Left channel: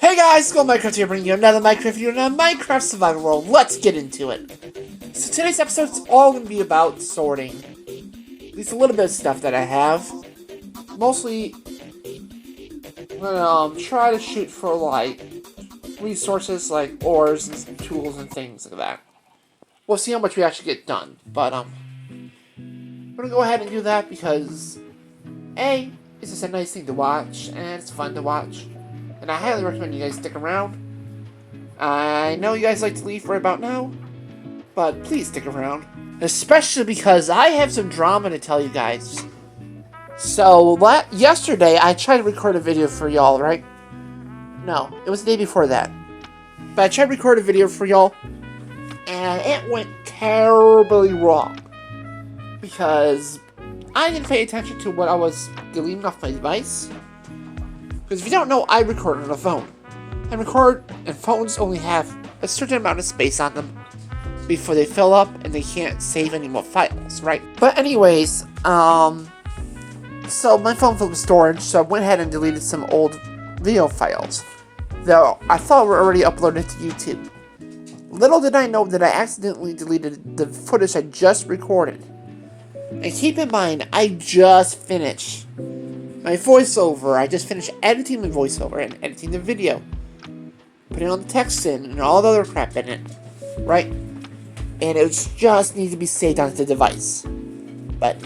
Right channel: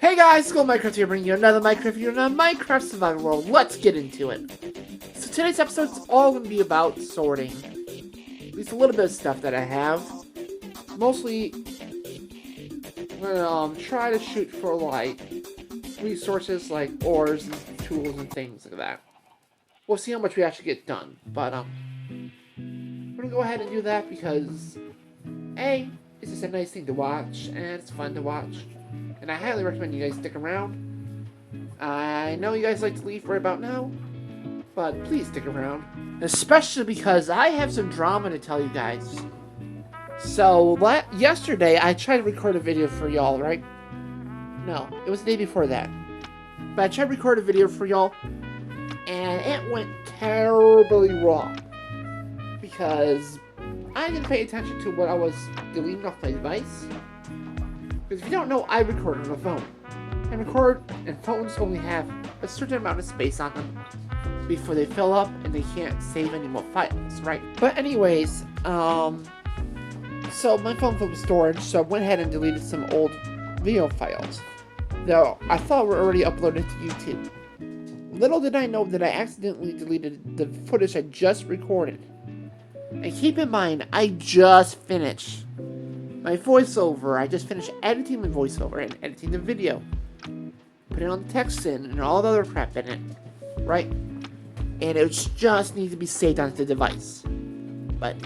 Hey guys, Skull Minecraft here, bringing you another Minecraft video, another Minecraft survival world. Let's get into it. So today's episode is all going to be about sorting. At least a little bit of stuff that I have. Mostly, I'm going to try to shoot for, like, resources like ores and tools and things like that. We'll see how much we actually get done. But, I'm going to go ahead and do that because, A, it's just a nice thing to watch, and it's fun to watch. And I highly recommend you guys stick around. I know you guys like to leave right about now, but please stick around. Especially because I have some drama to tell you guys. So, yesterday I tried to record a video for y'all, right? No, it was the day before that. But I tried to record a video for y'all, and it went terribly wrong. Because I didn't pay attention to what I was deleting off my device. Because if you don't know, I record on a phone. And phones only have a certain amount of space on them before they fill up and they can't save any more files, right? But anyways, so my phone filled with storage, so I went ahead and deleted some old video files that I thought were already uploaded to YouTube. Little did I know that I accidentally deleted the footage I just recorded. And keep in mind, I just finished my voiceover. I just finished editing my voiceover and editing the video. Putting all the text in and all the other crap in it. Right? And it just needs to be saved onto the device. But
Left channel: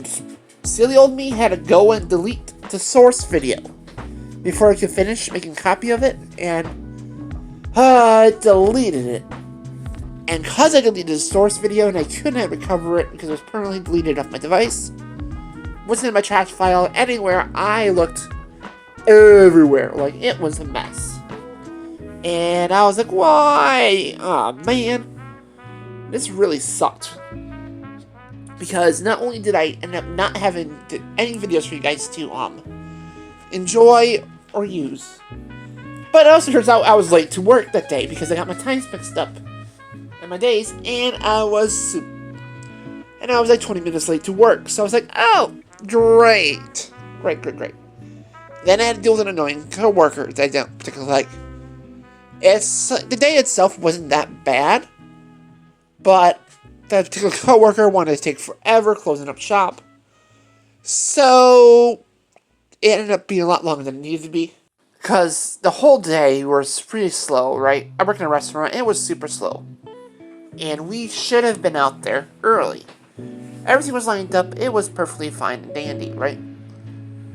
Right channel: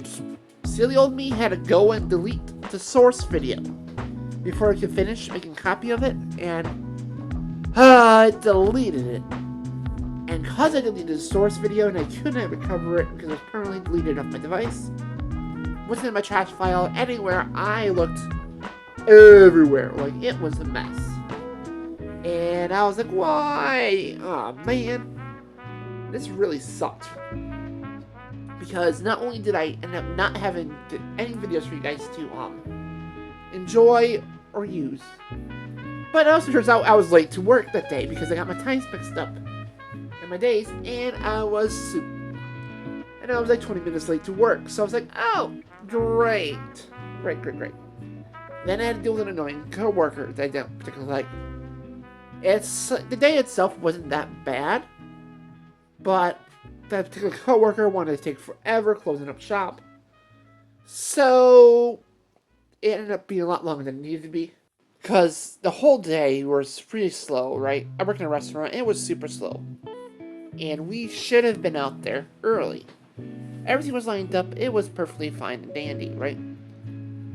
silly old me had to go and delete the source video before I could finish making a copy of it. And I deleted it. And because I deleted the source video and I couldn't recover it because it was permanently deleted off my device, wasn't in my trash file anywhere, I looked everywhere. Like, it was a mess. And I was like, why? Aw, man. This really sucked. Because not only did I end up not having any videos for you guys to enjoy or use, but it also turns out I was late to work that day because I got my times mixed up in my days, and I was like 20 minutes late to work. So I was like, oh, great. Great. Then I had to deal with an annoying coworker that I don't particularly like. The day itself wasn't that bad, but that particular coworker wanted to take forever closing up shop. So it ended up being a lot longer than it needed to be. Because the whole day was pretty slow, right? I work in a restaurant, and it was super slow. And we should have been out there early. Everything was lined up. It was perfectly fine and dandy, right?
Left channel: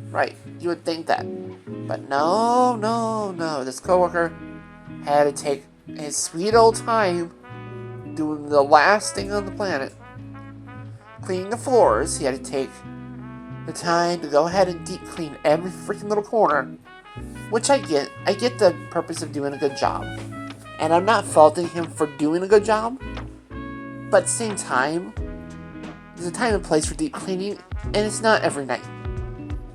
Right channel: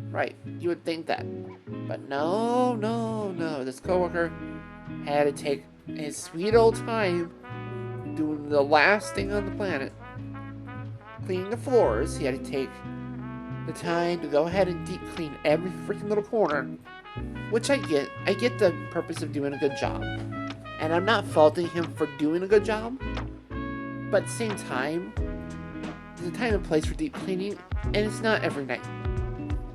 Right. You would think that. But no. This coworker had to take his sweet old time doing the last thing on the planet. Cleaning the floors. He had to take the time to go ahead and deep clean every freaking little corner. Which I get. I get the purpose of doing a good job. And I'm not faulting him for doing a good job. But at the same time, there's a time and place for deep cleaning, and it's not every night.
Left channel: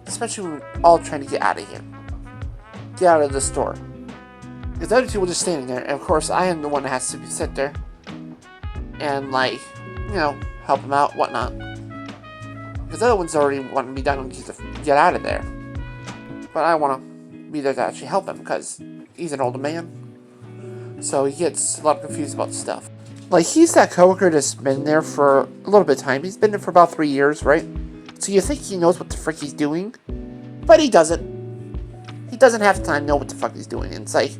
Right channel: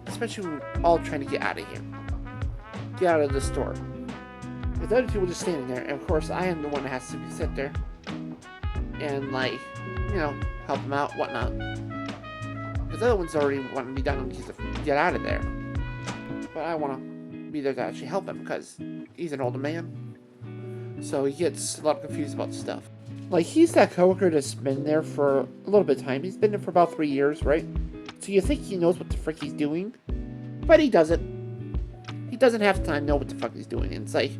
Especially when we're all trying to get out of here. Get out of the store. Because the other two were just standing there, and of course I am the one that has to sit there. And help them out, whatnot. Because the other one's already wanting to be done and get out of there. But I want to be there to actually help him, because he's an older man. So he gets a lot confused about stuff. Like, he's that coworker that's been there for a little bit of time. He's been there for about 3 years, right? So you think he knows what the frick he's doing. But he doesn't. He doesn't half the time know what the fuck he's doing. And it's like,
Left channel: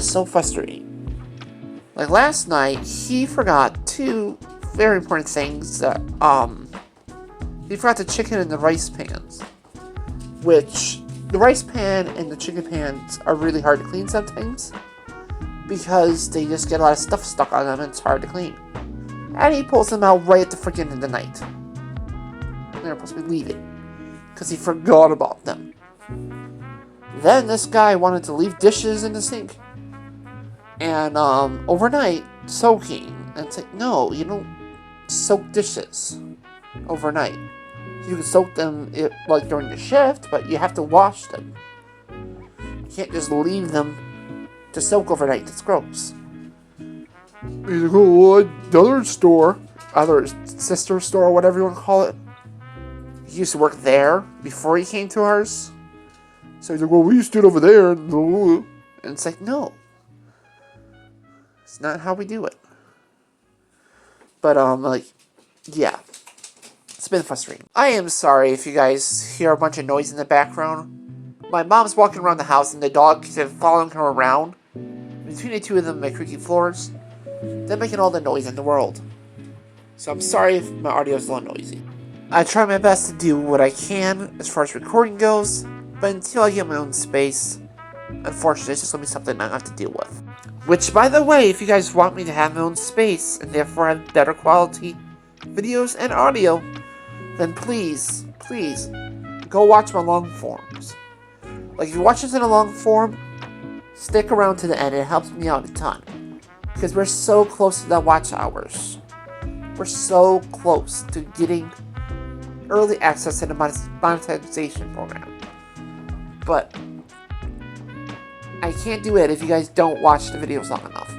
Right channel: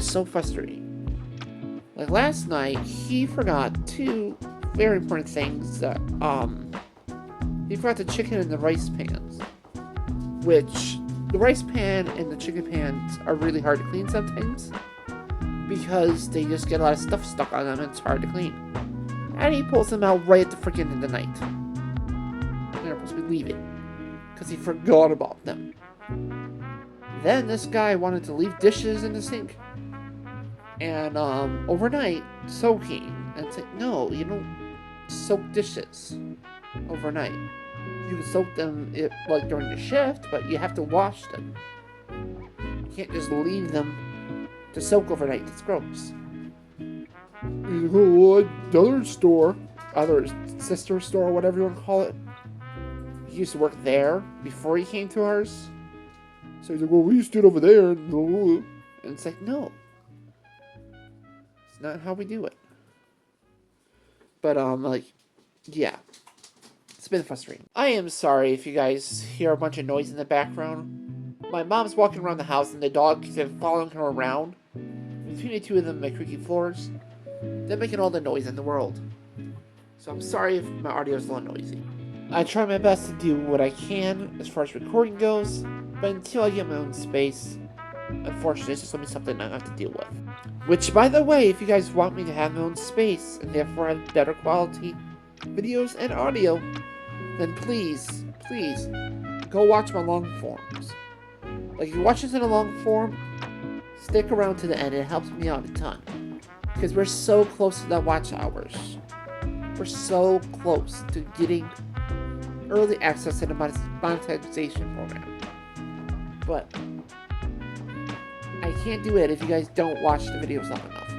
so frustrating. Like, last night, he forgot two very important things. He forgot the chicken and the rice pans. Which, the rice pan and the chicken pans are really hard to clean sometimes. Because they just get a lot of stuff stuck on them and it's hard to clean. And he pulls them out right at the freaking end of the night. They're supposed to be leaving. Because he forgot about them. Then this guy wanted to leave dishes in the sink. And overnight, soaking. And it's like, no, you don't soak dishes overnight. You can soak them during your shift, but you have to wash them. You can't just leave them to soak overnight. It's gross. You go to another store, either sister store or whatever you want to call it. He used to work there before he came to ours. So he's like, well, we stood over there. And it's like, no. It's not how we do it. But, yeah. It's been frustrating. I am sorry if you guys hear a bunch of noise in the background. My mom's walking around the house and the dog is following her around. Between the two of them, my creaky floors, they're making all the noise in the world. So I'm sorry if my audio is a little noisy. I try my best to do what I can as far as recording goes, but until I get my own space, unfortunately, it's just going to be something I have to deal with. Which, by the way, if you guys want me to have my own space and therefore have better quality videos and audio, then please, go watch my long forms. Like, if you watch this in a long form, stick around to the end. It helps me out a ton. Because we're so close to the watch hours. We're so close to getting early access to the monetization program. But I can't do it if you guys don't watch the videos long enough.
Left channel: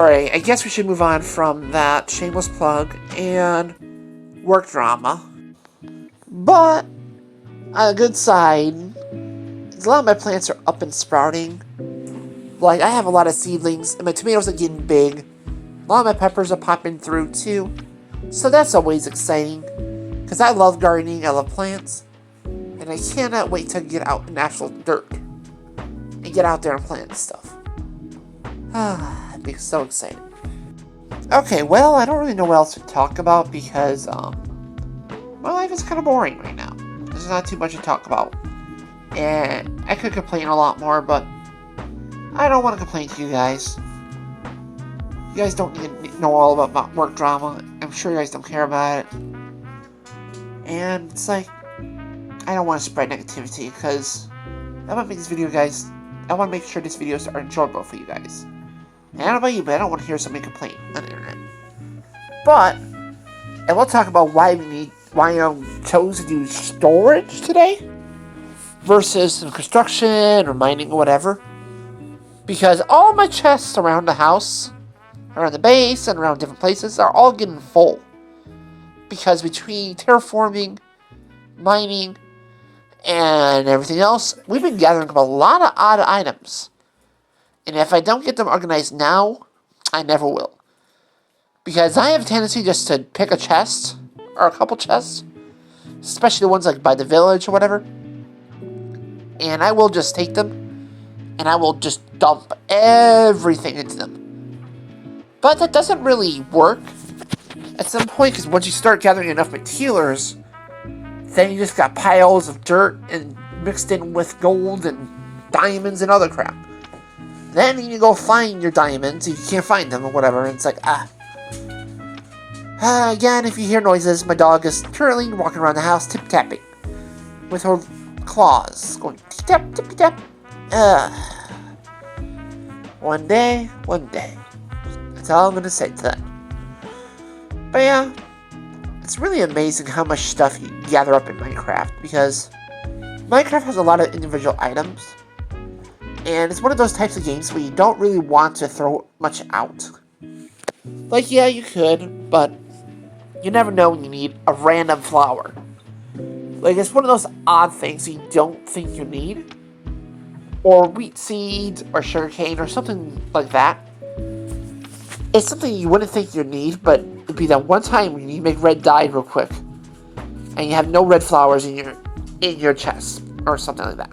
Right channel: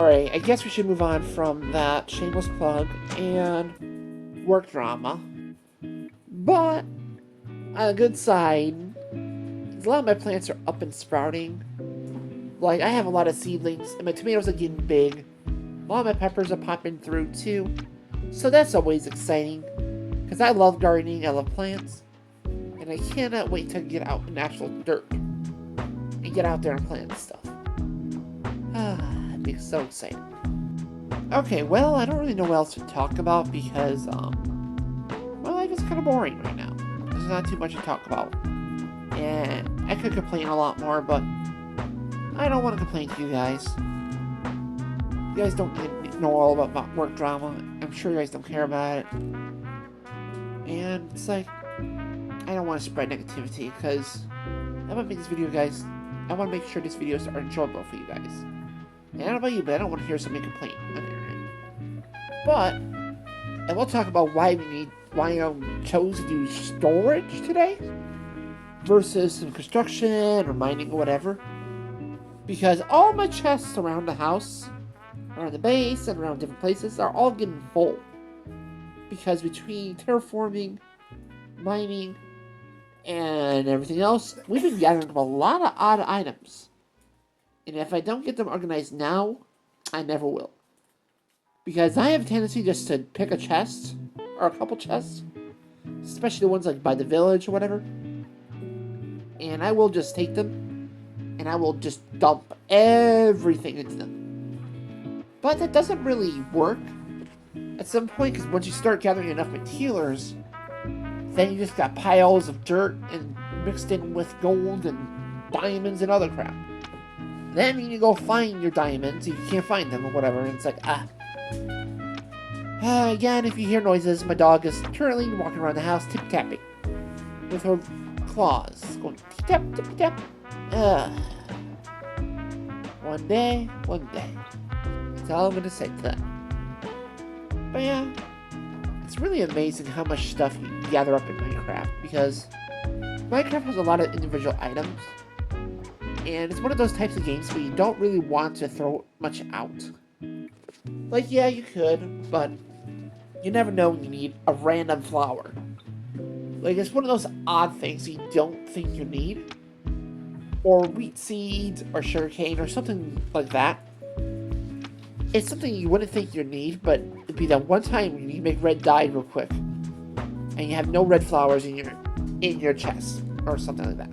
Alright, I guess we should move on from that shameless plug and work drama. But, on a good side, a lot of my plants are up and sprouting. Like, I have a lot of seedlings, and my tomatoes are getting big. A lot of my peppers are popping through, too. So that's always exciting. Because I love gardening, I love plants. And I cannot wait to get out in actual dirt. And get out there and plant stuff. I'd be so excited. Okay, well, I don't really know what else to talk about because, my life is kind of boring right now. There's not too much to talk about. And I could complain a lot more, but I don't want to complain to you guys. You guys don't need to know all about my work drama. I'm sure you guys don't care about it. And it's like, I don't want to spread negativity because I want to make this video, guys. I want to make sure these videos are enjoyable for you guys. And I don't know about you, but I don't want to hear somebody complain on the internet. But I will talk about why I chose to do storage today versus some construction or mining or whatever. Because all my chests around the house, around the base, and around different places are all getting full. Because between terraforming, mining, and everything else, we've been gathering up a lot of odd items. And if I don't get them organized now, I never will. Because I have a tendency just to pick a chest, or a couple chests, especially the ones like by the village or whatever, and I will just take them, and I will just dump everything into them. But that doesn't really work at some point, because once you start gathering enough materials, then you just got piles of dirt and mixed in with gold and diamonds and other crap. Then you go find your diamonds, you can't find them or whatever, and it's like, again, if you hear noises, my dog is currently walking around the house tip-tapping with her claws, going tip-tap, tip-tap. One day. That's all I'm going to say to that. But yeah, it's really amazing how much stuff you gather up in Minecraft, because Minecraft has a lot of individual items, and it's one of those types of games where you don't really want to throw much out. Like, yeah, you could, but you never know when you need a random flower. Like, it's one of those odd things you don't think you need. Or wheat seeds, or sugarcane, or something like that. It's something you wouldn't think you need, but it'd be that one time when you make red dye real quick, and you have no red flowers in your chest, or something like that.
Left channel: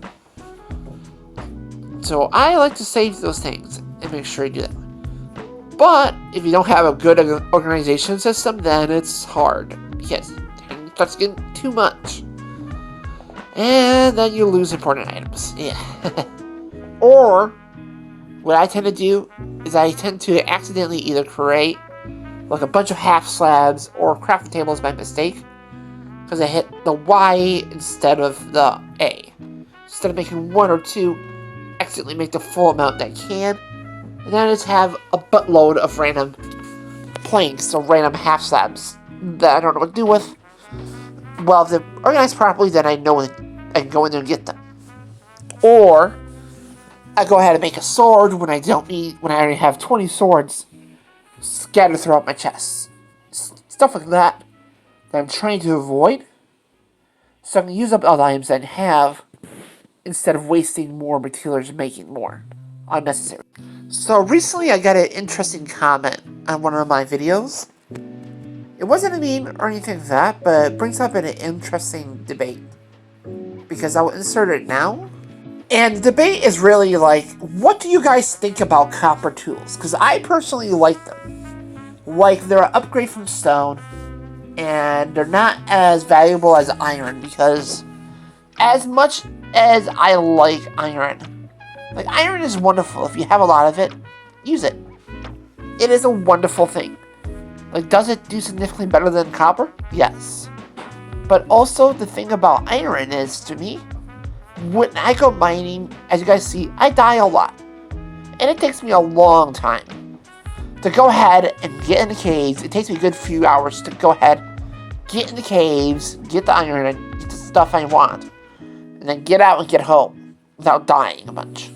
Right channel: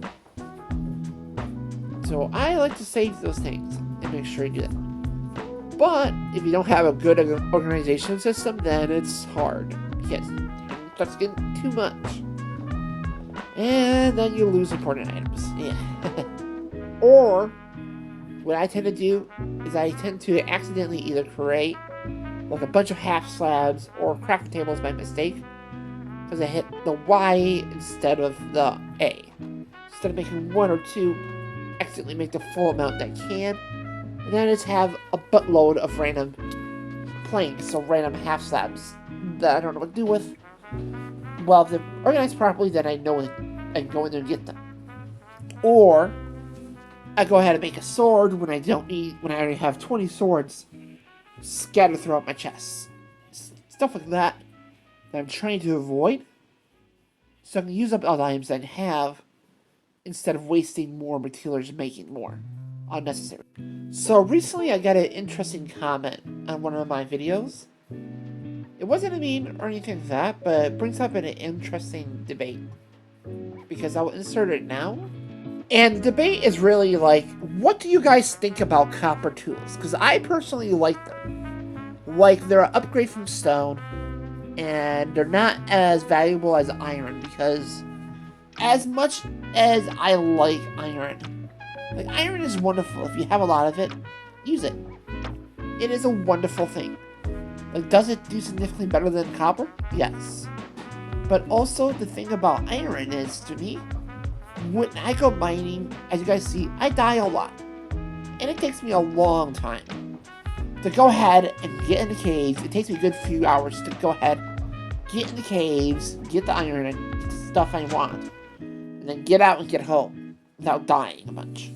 So I like to save those things, and make sure you do that. But if you don't have a good organization system, then it's hard, because it starts getting too much. And then you lose important items. Yeah. Or, what I tend to do is I tend to accidentally either create like a bunch of half slabs or craft tables by mistake, because I hit the Y instead of the A. Instead of making one or two, accidentally make the full amount that I can, and then I just have a buttload of random planks or random half slabs that I don't know what to do with. Well, if they're organized properly, then I know I can go in there and get them. Or I go ahead and make a sword when I already have 20 swords scattered throughout my chest. Stuff like that I'm trying to avoid, so I can use up all the items I have instead of wasting more materials and making more unnecessary. So recently I got an interesting comment on one of my videos. It wasn't a meme or anything like that, but it brings up an interesting debate. Because I'll insert it now. And the debate is really like, what do you guys think about copper tools? Because I personally like them. Like, they're an upgrade from stone, and they're not as valuable as iron, because as much as I like iron is wonderful. If you have a lot of it, use it. It is a wonderful thing. Like, does it do significantly better than copper? Yes. But also, the thing about iron is, to me, when I go mining, as you guys see, I die a lot. And it takes me a long time to go ahead and get in the caves. It takes me a good few hours to go ahead, get in the caves, get the iron, and get the stuff I want. And then get out and get home without dying a bunch.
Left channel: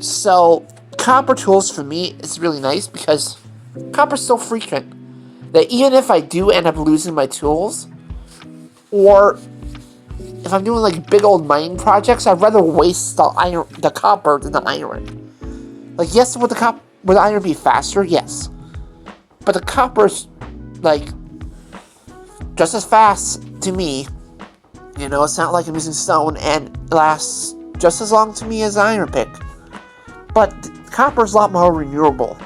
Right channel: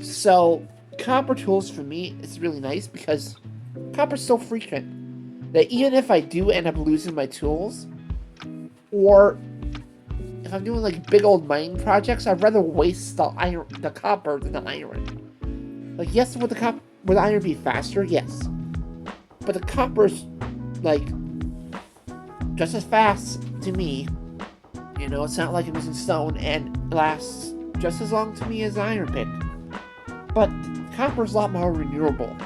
So, copper tools for me is really nice because copper's so frequent that even if I do end up losing my tools, or if I'm doing like big old mining projects, I'd rather waste the copper than the iron. Like, yes, would the iron be faster? Yes. But the copper's like just as fast to me. You know, it's not like I'm using stone, and it lasts just as long to me as iron pick. But copper's a lot more renewable.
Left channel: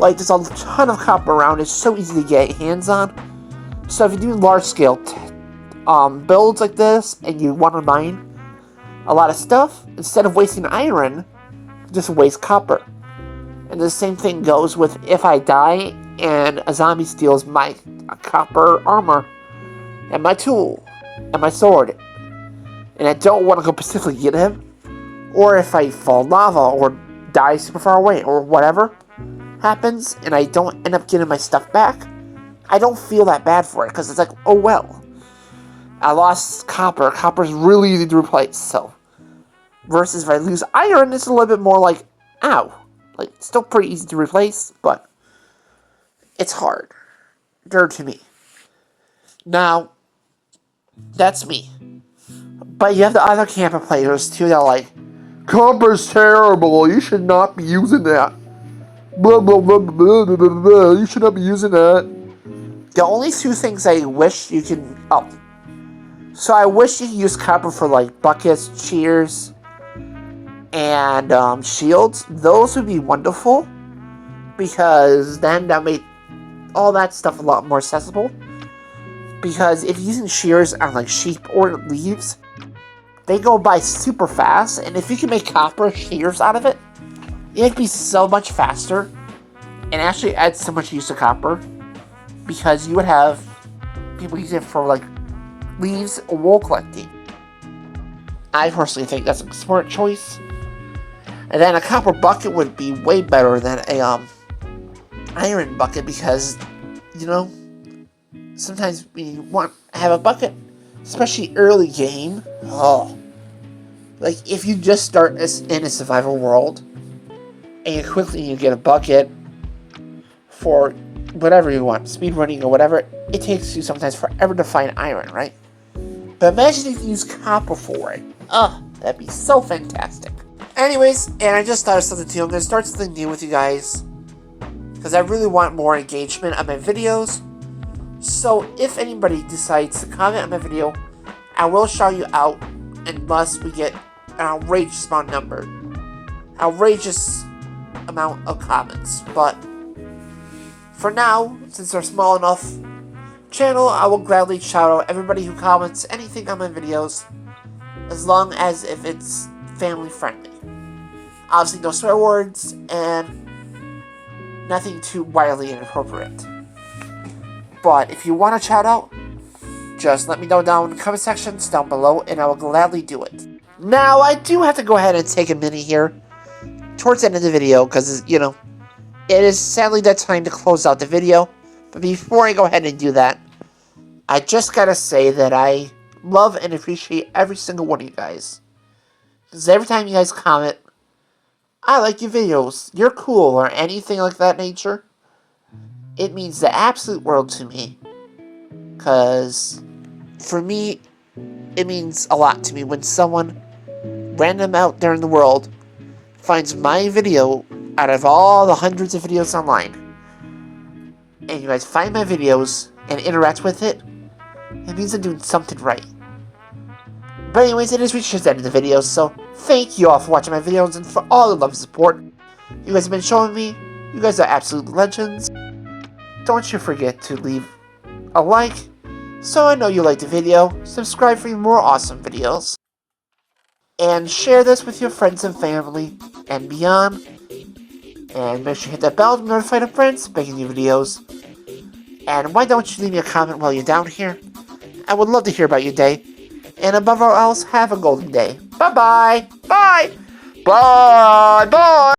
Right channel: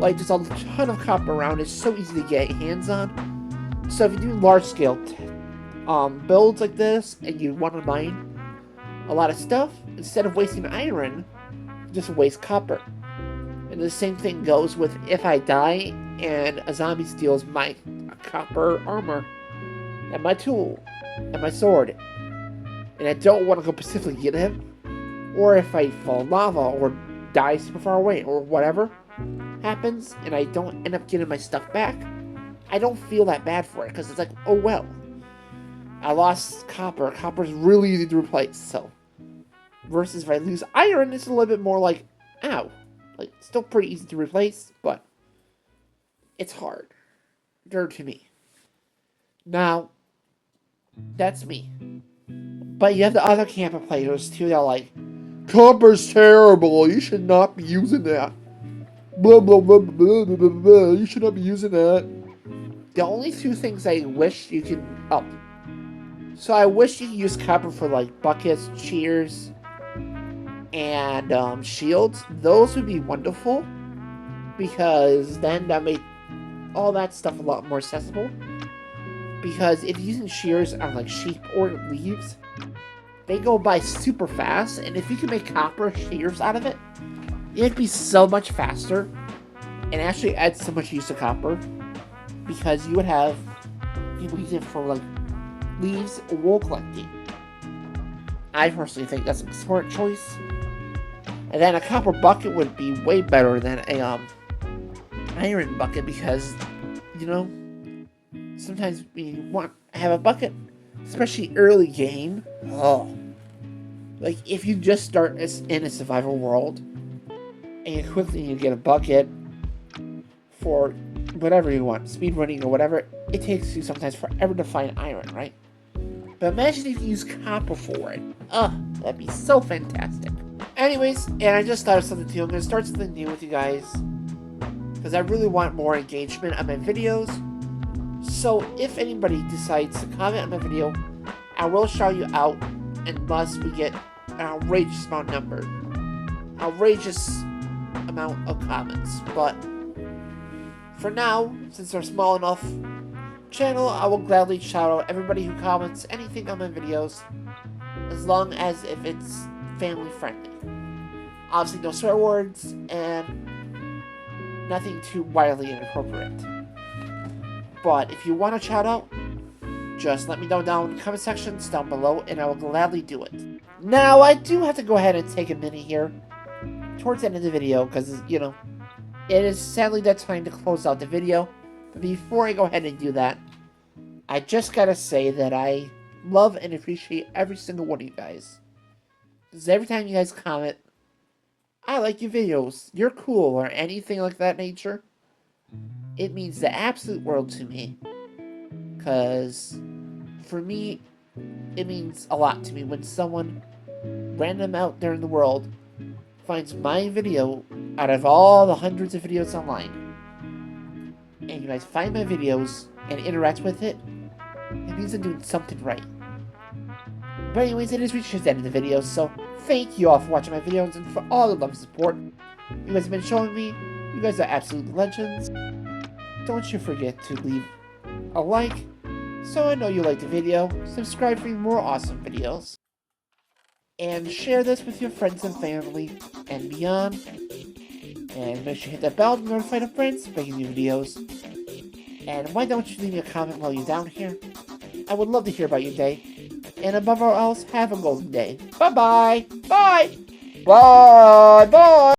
Like, there's a ton of copper around. It's so easy to get hands on. So if you're doing large scale builds like this, and you want to mine a lot of stuff, instead of wasting iron, just waste copper. And the same thing goes with if I die and a zombie steals my copper armor and my tool and my sword, and I don't want to go specifically get him, or if I fall in lava or die super far away or whatever happens and I don't end up getting my stuff back, I don't feel that bad for it, because it's like, oh well, I lost copper. Copper's really easy to replace, so. Versus if I lose iron, it's a little bit more like, ow. Like, it's still pretty easy to replace, but it's harder to me. Now, that's me. But you have the other camp of players, too, that are like, copper's terrible, you should not be using that. Blah, blah, blah, blah, blah, blah, blah. You should not be using that. The only two things I wish you could... So I wish you could use copper for, like, buckets, cheers, and shields. Those would be wonderful, because then that made all that stuff a lot more accessible. Because if you're using shears on, like, sheep or leaves, they go by super fast, and if you can make copper shears out of it, it'd be so much faster, and actually add so much use of copper, because you would have people use it for, like, leaves or wool collecting. I personally think that's a smart choice. And then a copper bucket would be way better than a iron bucket, because, you know, sometimes when you want to have a bucket, especially early game, like if you just start in a survival world and you quickly get a bucket for whatever you want, speedrunning or whatever, it takes you sometimes forever to find iron, right? But imagine if you use copper for it. That'd be so fantastic. Anyways, and I just thought of something too. I'm going to start something new with you guys, because I really want more engagement on my videos. So if anybody decides to comment on my video, I will shout you out unless we get an outrageous amount of comments. But for now, since they're small enough channel, I will gladly shout out everybody who comments anything on my videos, as long as if it's family friendly. Obviously no swear words and nothing too wildly inappropriate. But if you want a shout out, just let me know down in the comment sections down below, and I will gladly do it. Now, I do have to go ahead and take a minute here towards the end of the video, because, you know, it is sadly that time to close out the video. But before I go ahead and do that, I just gotta say that I love and appreciate every single one of you guys. Because every time you guys comment, I like your videos, you're cool, or anything like that nature, it means the absolute world to me. Because for me, it means a lot to me when someone random out there in the world finds my video out of all the hundreds of videos online, and you guys find my videos and interact with it, it means I'm doing something right. But anyways, it is reached the end of the video, so thank you all for watching my videos and for all the love and support you guys have been showing me. You guys are absolute legends. Don't you forget to leave a like, so I know you liked the video, subscribe for more awesome videos, and share this with your friends and family and beyond. And make sure you hit that bell to be notified of friends making new videos. And why don't you leave me a comment while you're down here? I would love to hear about your day. And above all else, have a golden day. Bye-bye. Bye. Bye. Bye.